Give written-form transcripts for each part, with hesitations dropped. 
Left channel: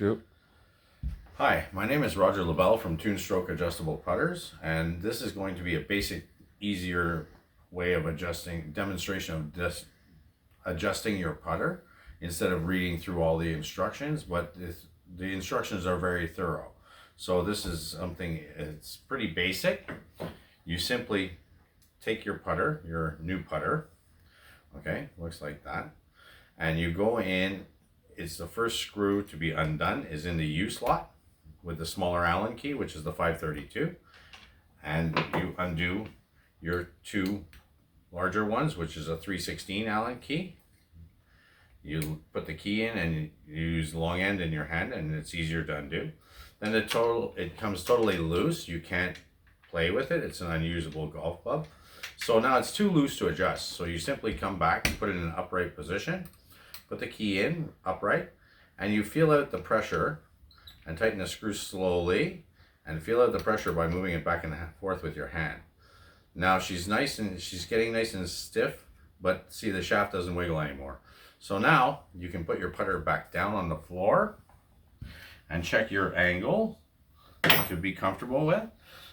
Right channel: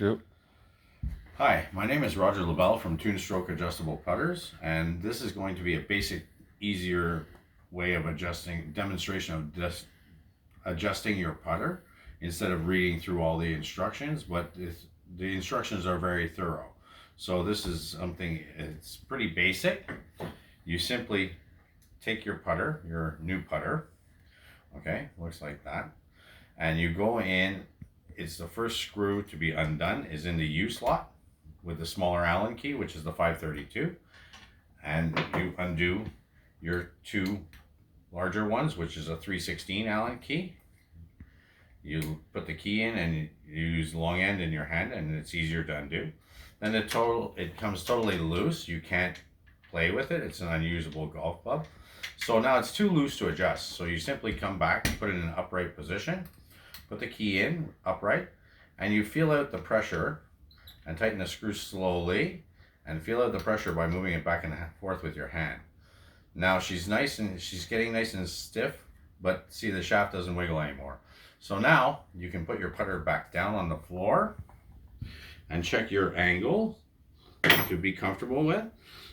Yep. Hi, my name is Roger Lavelle from Tunestroke Adjustable Putters, and this is going to be a basic, easier way of demonstration of just adjusting your putter instead of reading through all the instructions, but the instructions are very thorough. So this is something, it's pretty basic. You simply take your putter, your new putter, okay, looks like that, and you go in. It's the first screw to be undone is in the U slot with the smaller Allen key, which is the 532, and you undo your two larger ones, which is a 316 Allen key. You put the key in and you use the long end in your hand, and it's easier to undo. Then it comes totally loose. You can't play with it. It's an unusable golf club. So now it's too loose to adjust. So you simply come back and put it in an upright position. Put the key in upright, and you feel out the pressure and tighten the screw slowly and feel out the pressure by moving it back and forth with your hand. Now she's getting nice and stiff, but see, the shaft doesn't wiggle anymore. So now you can put your putter back down on the floor and check your angle to be comfortable with,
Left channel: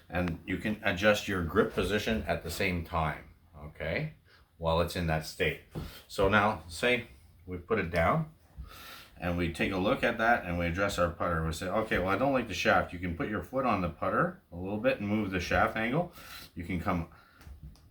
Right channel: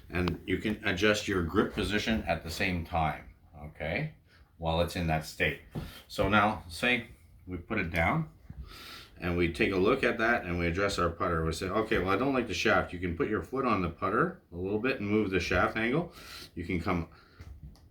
and you can adjust your grip position at the same time, okay, while it's in that state. So now say we put it down and we take a look at that and we adjust our putter. We say, okay, well, I don't like the shaft. You can put your foot on the putter a little bit and move the shaft angle. You can come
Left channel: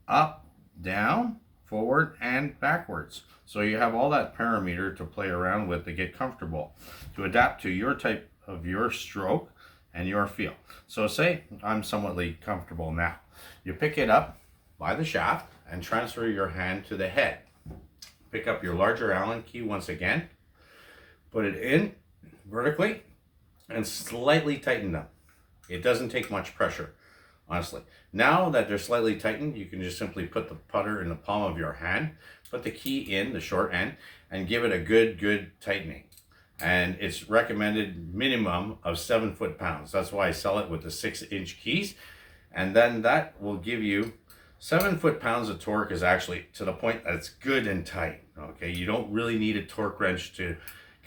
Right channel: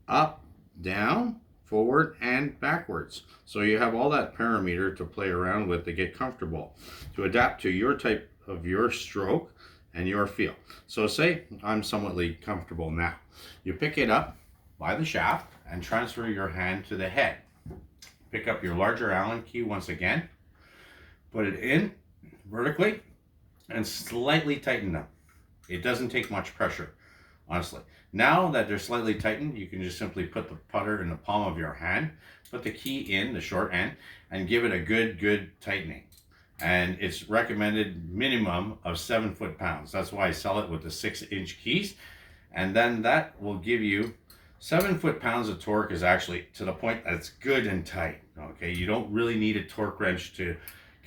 up, down, forward, and backwards. So you have all that parameter to play around with to get comfortable, to adapt to your type of your stroke and your feel. So say I'm somewhat comfortable now. You pick it up by the shaft and transfer your hand to the head. Pick up your larger Allen key once again, put it in vertically, and slightly tighten them. It doesn't take much pressure, honestly. Now that they're slightly tightened, you can just simply put the putter in the palm of your hand, put the key in the short end, and give it a good tightening. And it's recommended minimum of 7 foot-pounds. That's why I sell it with the 6-inch keys. And then that will give you 7 foot-pounds of torque is actually to the point that it's good and tight. Okay, you don't really need a torque wrench to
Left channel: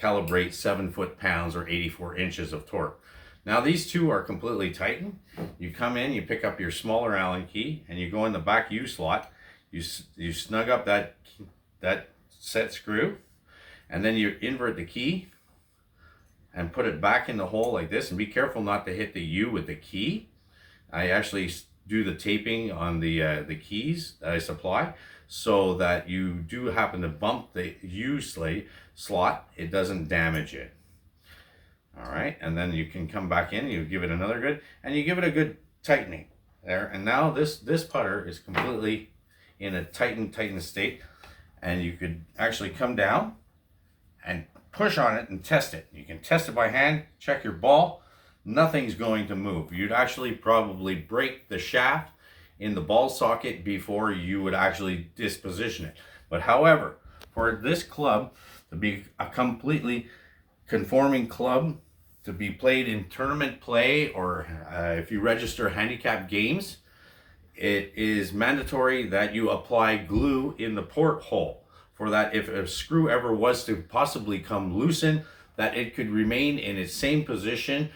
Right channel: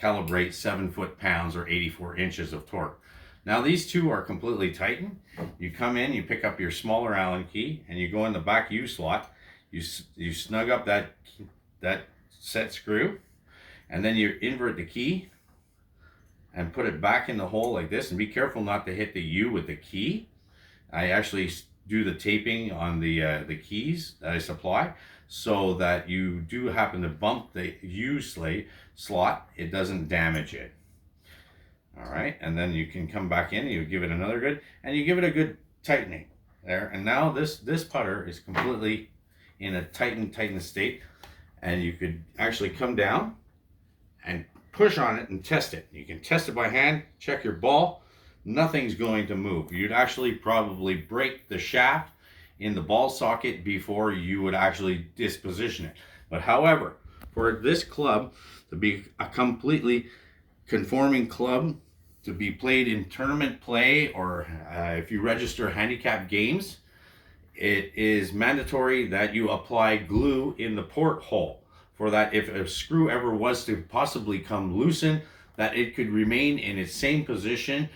calibrate 7 foot-pounds or 84 inches of torque. Now these two are completely tightened. You come in, you pick up your smaller Allen key, and you go in the back U slot. You snug up that set screw, and then you invert the key and put it back in the hole like this. And be careful not to hit the U with the key. I actually do the taping on the keys that I supply, so that you do happen to bump the U slot, it doesn't damage it. All right, and then you can come back in, you give it another good, and you give it a good tightening there. And now this putter is completely in a tightened state, and you could actually come down and push on it and test it. You can test it by hand, check your ball. Nothing's going to move. You'd actually probably break the shaft in the ball socket before you would actually disposition it. But however, for this club to be a completely conforming club to be played in tournament play, or if you register handicap games, it is mandatory that you apply glue in the porthole, for that if a screw ever was to possibly come loosen, that it could remain in its same position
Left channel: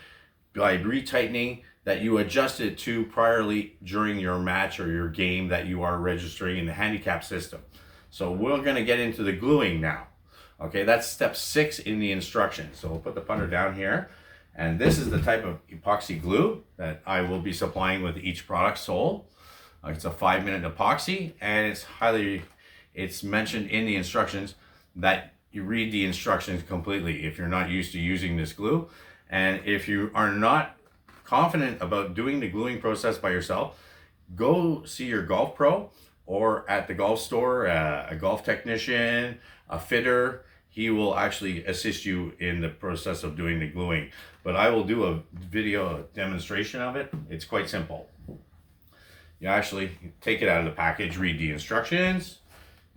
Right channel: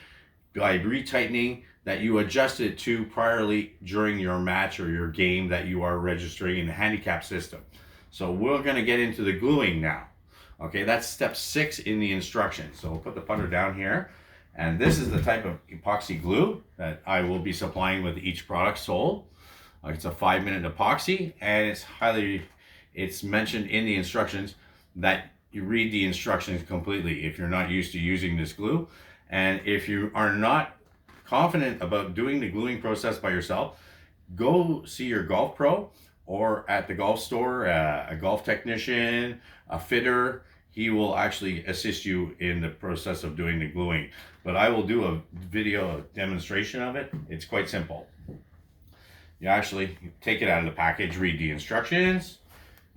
by retightening that you adjusted to priorly during your match or your game that you are registering in the handicap system. So we're going to get into the gluing now. Okay, that's step 6 in the instructions. So we'll put the putter down here, and this is the type of epoxy glue that I will be supplying with each product sold. It's a 5-minute epoxy, and it's mentioned in the instructions that you read the instructions completely if you're not used to using this glue. And if you are not confident about doing the gluing process by yourself, go see your golf pro, or at the golf store, a golf technician, a fitter. He will actually assist you in the process of doing the gluing. But I will do a video demonstration of it. It's quite simple. You actually take it out of the package, read the instructions,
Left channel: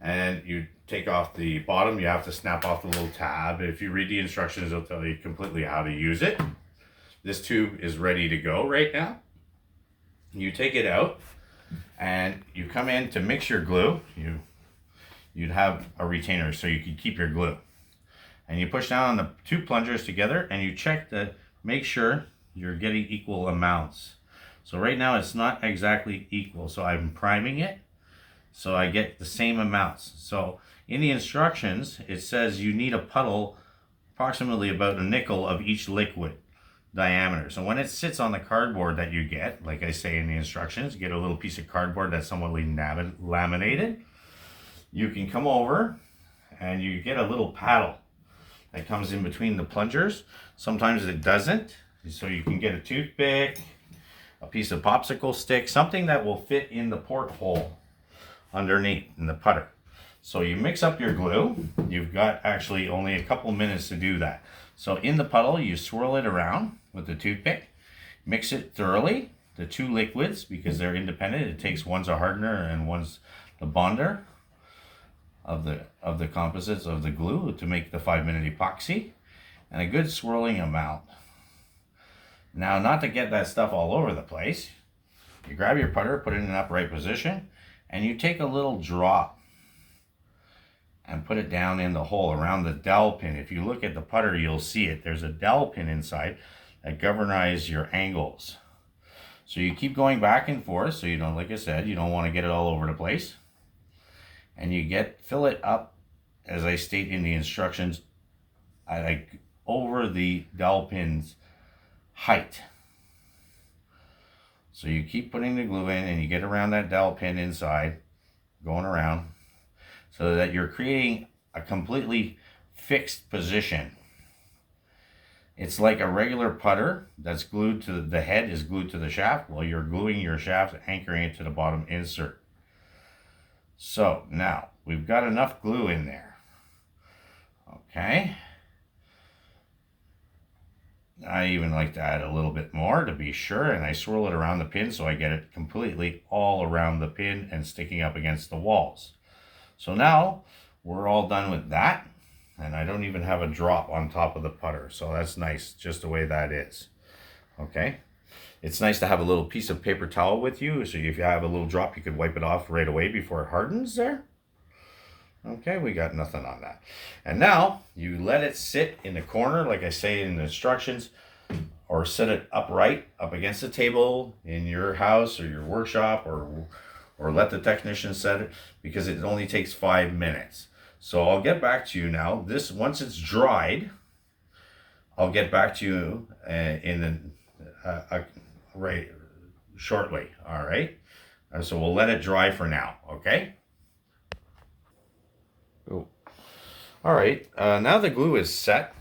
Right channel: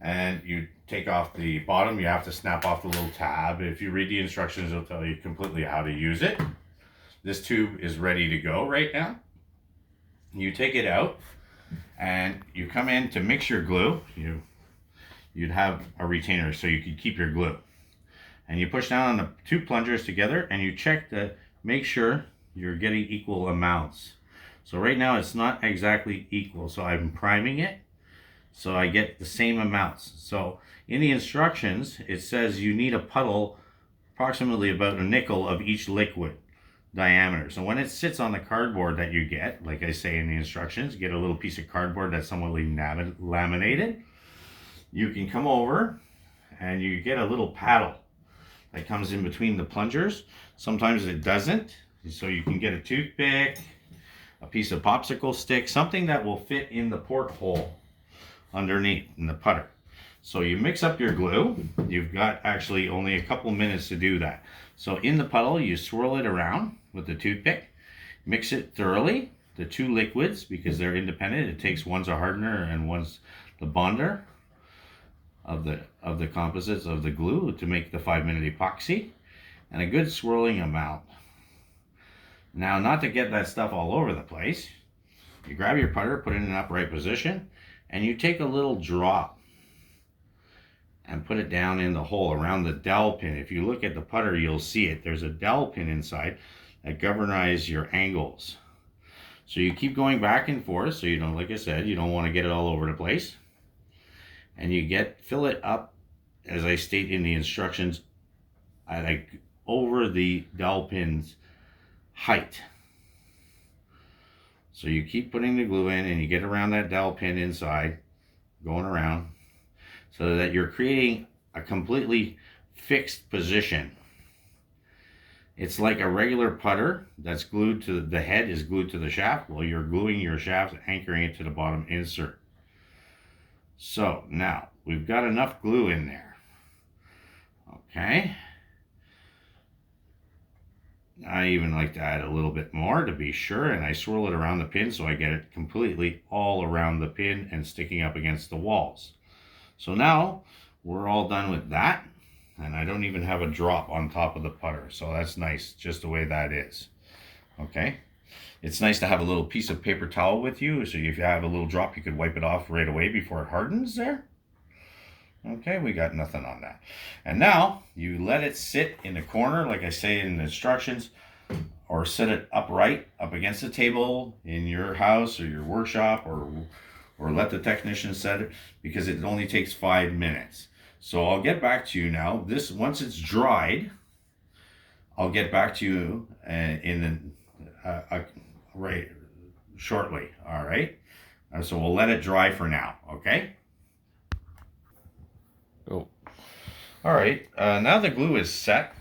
and you take off the bottom. You have to snap off the little tab. If you read the instructions, it'll tell you completely how to use it. This tube is ready to go right now. You take it out and you come in to mix your glue. You'd have a retainer so you could keep your glue. and you push down on the two plungers together, and you check to make sure you're getting equal amounts. So right now it's not exactly equal, so I'm priming it so I get the same amounts. So in the instructions it says you need a puddle approximately about a nickel of each liquid diameter. So when it sits on the cardboard that you get, like I say in the instructions, you get a little piece of cardboard that's somewhat laminated. You can come over and you get a little paddle that comes in between the plungers. Sometimes it doesn't, so you can get a toothpick, a piece of popsicle stick, something that will fit in the porthole underneath in the putter. So you mix up your glue. You've got actually only a couple minutes to do that. So in the puddle, you swirl it around with the toothpick, mix it thoroughly, the two liquids, because they're independent. It takes one's a hardener and one's the bonder of the composites of the glue to make the 5-minute epoxy, and a good swirling amount. Now, not to get that stuff all over the place, you grab your putter, put it in an upright position, and you take a little drop and put it down in the hole around the dowel pin. If you look at the putter, you'll see it. There's a dowel pin inside that governs your angles. So you keep going back and forth, so you don't, like I said, you don't want to get it all over the place. And you fill it up, as I state in the instructions, like over the dowel pin's height. So you keep putting the glue in and you get around that dowel pin inside, going around, so that you're creating a completely fixed position. It's like a regular putter that's glued to the head is glued to the shaft. Well, you're gluing your shaft, anchoring it to the bottom insert. So now we've got enough glue in there. Okay. I even like to add a little bit more to be sure, and I swirl it around the pin so I get it completely all around the pin and sticking up against the walls. So now we're all done with that, and I don't even have a drop on top of the putter, so that's nice just the way that is. Okay, it's nice to have a little piece of paper towel with you, so if you have a little drop you could wipe it off right away before it hardens there. Okay, we got nothing on that. And now you let it sit in the corner, like I say in the instructions, or set it upright up against the table in your house or your workshop, or let the technician set it, because it only takes 5 minutes. So I'll get back to you now. This, once it's dried, I'll get back to you right shortly. All right. So we'll let it dry for now. Okay. Oh. All right. Now the glue is set.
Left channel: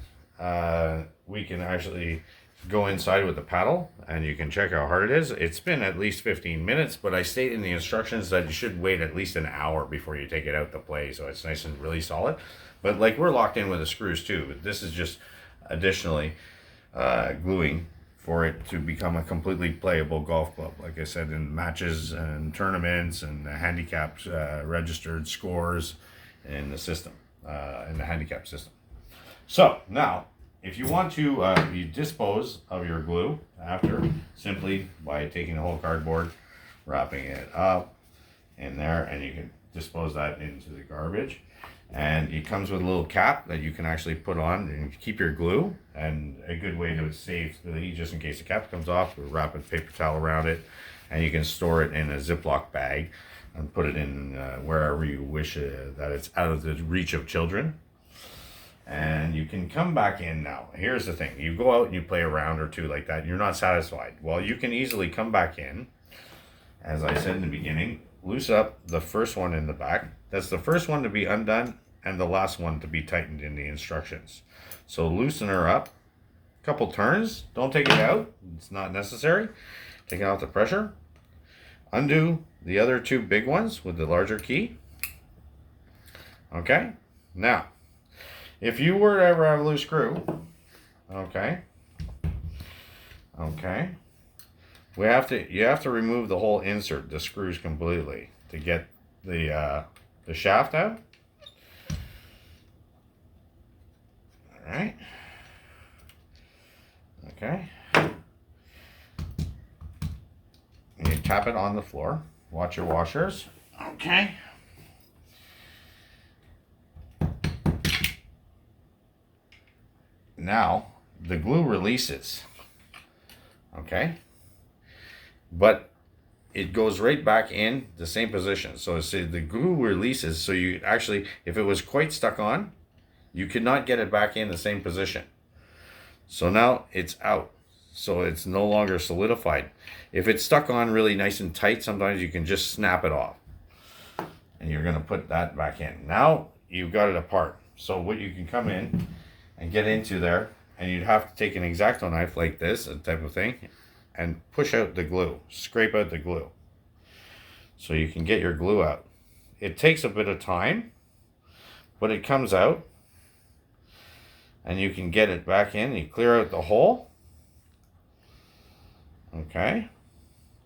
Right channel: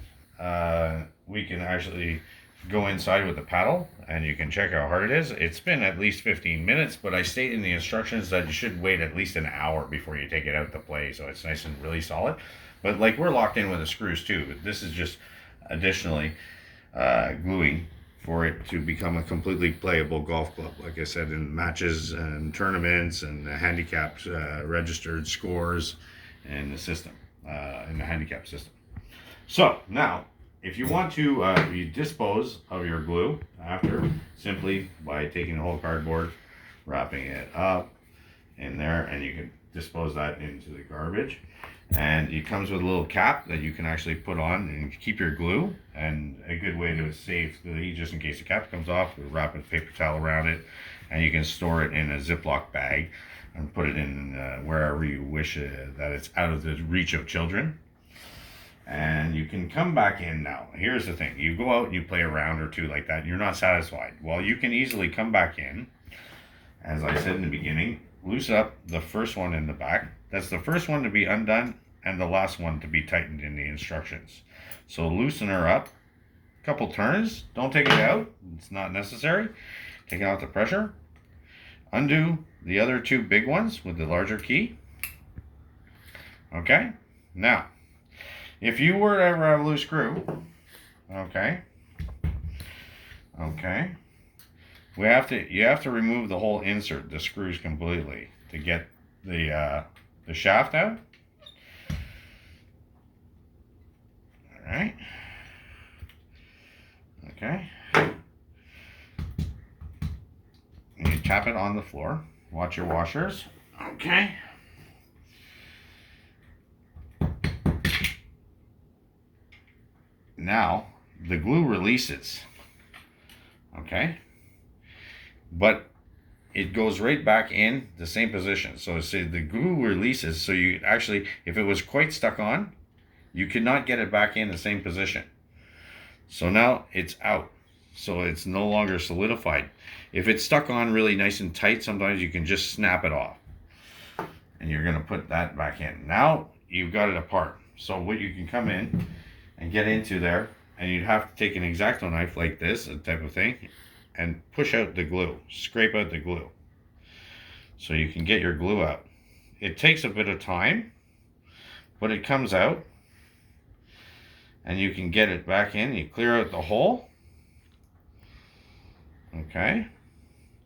We can actually go inside with the paddle and you can check how hard it is. It's been at least 15 minutes, but I state in the instructions that you should wait at least an hour before you take it out to play, so it's nice and really solid. But like, we're locked in with the screws too, but this is just additionally gluing for it to become a completely playable golf club, like I said, in matches and tournaments and handicapped registered scores in the system, in the handicap system. So now, if you want to you dispose of your glue after, simply by taking the whole cardboard, wrapping it up in there, and you can dispose that into the garbage. And it comes with a little cap that you can actually put on and keep your glue. And a good way to save the heat, just in case the cap comes off, we wrap a paper towel around it, and you can store it in a Ziploc bag and put it in wherever you wish that it's out of the reach of children. And you can come back in now. Here's the thing. You go out and you play a round or two like that, and you're not satisfied. Well, you can easily come back in, as I said in the beginning, loose up the first one in the back. That's the first one to be undone and the last one to be tightened in the instructions. So loosen her up. A couple turns. Don't take it out. It's not necessary. Take out the pressure. Undo the other two big ones with the larger key. Okay. Now, if you were to ever have a loose screw, okay, you have to remove the whole insert, the screws completely, to get the shaft out. All right. Okay. And you tap it on the floor. Watch your washers. Okay. now the glue releases, okay, but it goes right back in the same position. So see, the glue releases, so you actually, if it was quite stuck on, you could not get it back in the same position. So now it's out, so it's no longer solidified. If it's stuck on really nice and tight, sometimes you can just snap it off, and you're going to put that back in. Now you've got it apart. So what you can come in and get into there, and you'd have to take an X-Acto knife like this, a type of thing, and push out the glue, scrape out the glue, so you can get your glue out. It takes a bit of time, but it comes out, and you can get it back in. You clear out the hole, okay,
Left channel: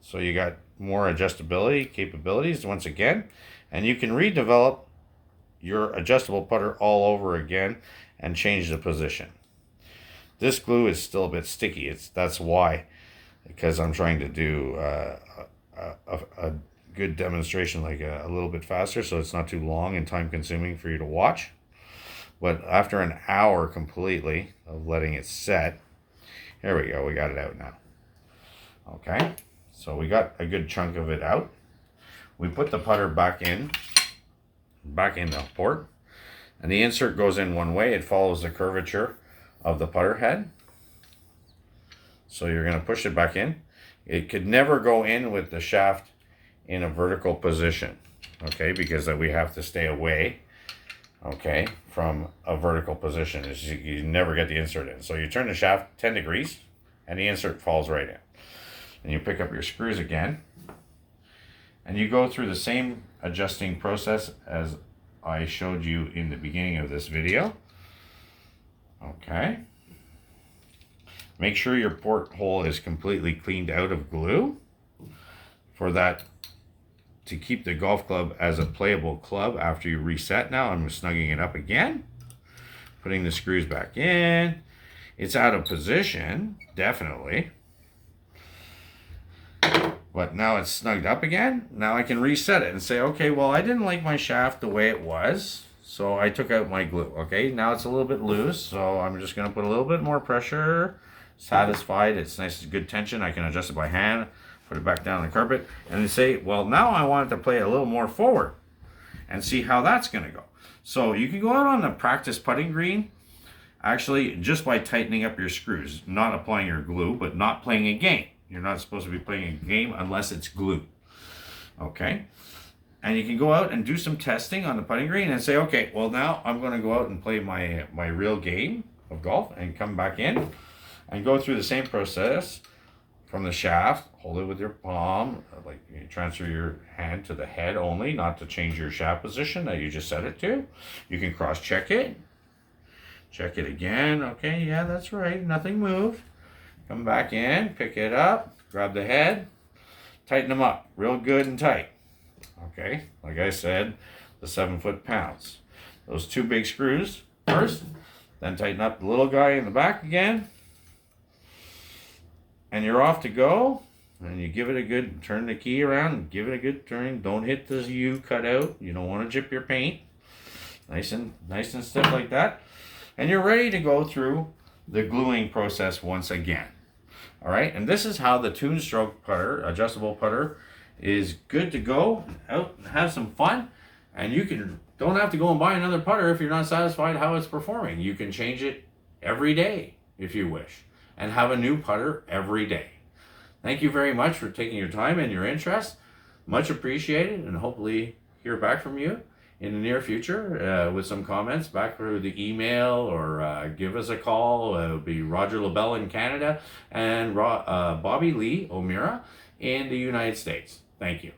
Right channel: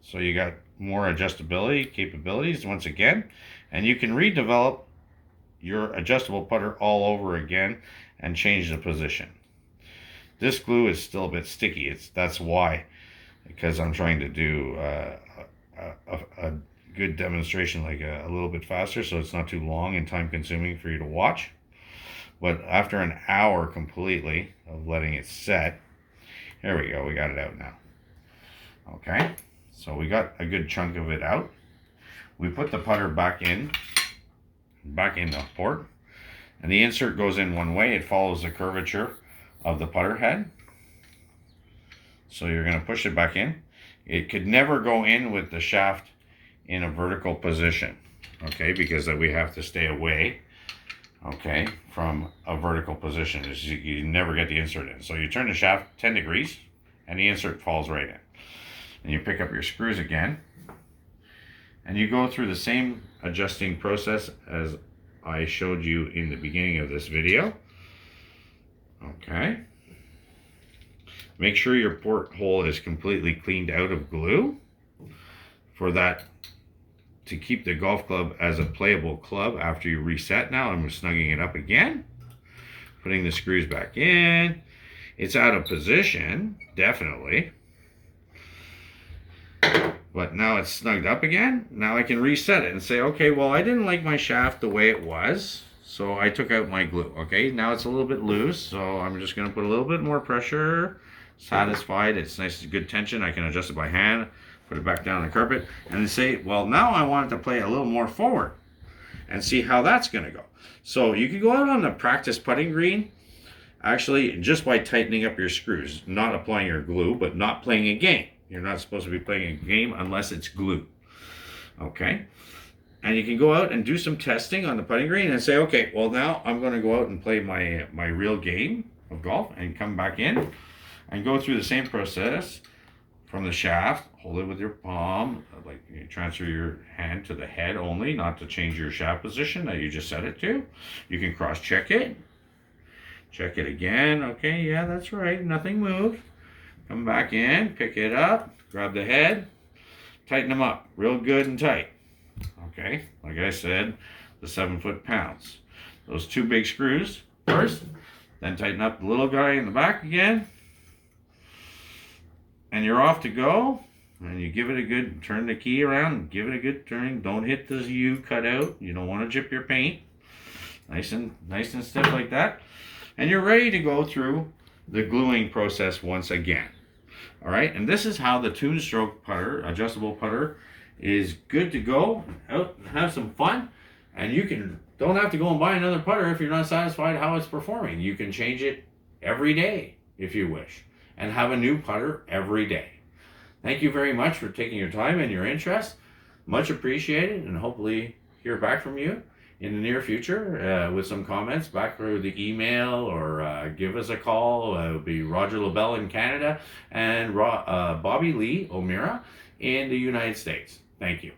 so you got more adjustability capabilities once again, and you can redevelop your adjustable putter all over again and change the position. This glue is still a bit sticky. That's why, because I'm trying to do a good demonstration, like a little bit faster, so it's not too long and time consuming for you to watch. But after an hour completely of letting it set, here we go, we got it out now. Okay, so we got a good chunk of it out. We put the putter back in the port, and the insert goes in one way. It follows the curvature of the putter head. So you're going to push it back in. It could never go in with the shaft in a vertical position, okay, because we have to stay away, okay, from a vertical position. You never get the insert in. So you turn the shaft 10 degrees and the insert falls right in. And you pick up your screws again, and you go through the same adjusting process as I showed you in the beginning of this video. Okay. Make sure your porthole is completely cleaned out of glue for that, to keep the golf club as a playable club after you reset. Now I'm snugging it up again, putting the screws back in. It's out of position, definitely. But now it's snugged up again. Now I can reset it and say, okay, well, I didn't like my shaft the way it was, so I took out my glue. Okay, now it's a little bit loose, so I'm just going to put a little bit more pressure. Satisfied, it's nice, good tension. I can adjust it by hand, put it back down on the carpet, and then say, well, now I want it to play a little more forward, and see how that's going to go. So you can go out on the practice putting green, actually, just by tightening up your screws, not applying your glue, but not playing a game. You're not supposed to be playing a game unless it's glue. Okay? And you can go out and do some testing on the putting green and say, okay, well, now I'm going to go out and play my real game of golf, and come back in and go through the same process from the shaft. Hold it with your palm, like you transfer your hand to the head only, not to change your shaft position that you just set it to. You can cross check it. Check it again. Okay, yeah, that's right. Nothing moved. Come back in, pick it up, grab the head, tighten them up real good and tight. Okay, like I said, the 7 foot-pounds. Those 2 big screws first, then tighten up the little guy in the back again, and you're off to go. And you give it a good, turn the key around, and give it a good turn. Don't hit the U cut out. You don't want to chip your paint. Nice and stiff like that. And you're ready to go through the gluing process once again. All right, and this is how the Tunestroke putter, adjustable putter, is good to go out and have some fun. And you don't have to go and buy another putter if you're not satisfied how it's performing. You can change it every day if you wish, and have a new putter every day. Thank you very much for taking your time and your interest. Much appreciated, and hopefully hear back from you in the near future with some comments back through the email, or give us a call. It'll be Roger LaBelle in Canada and Bobby Lee O'Meara in the United States. Thank you.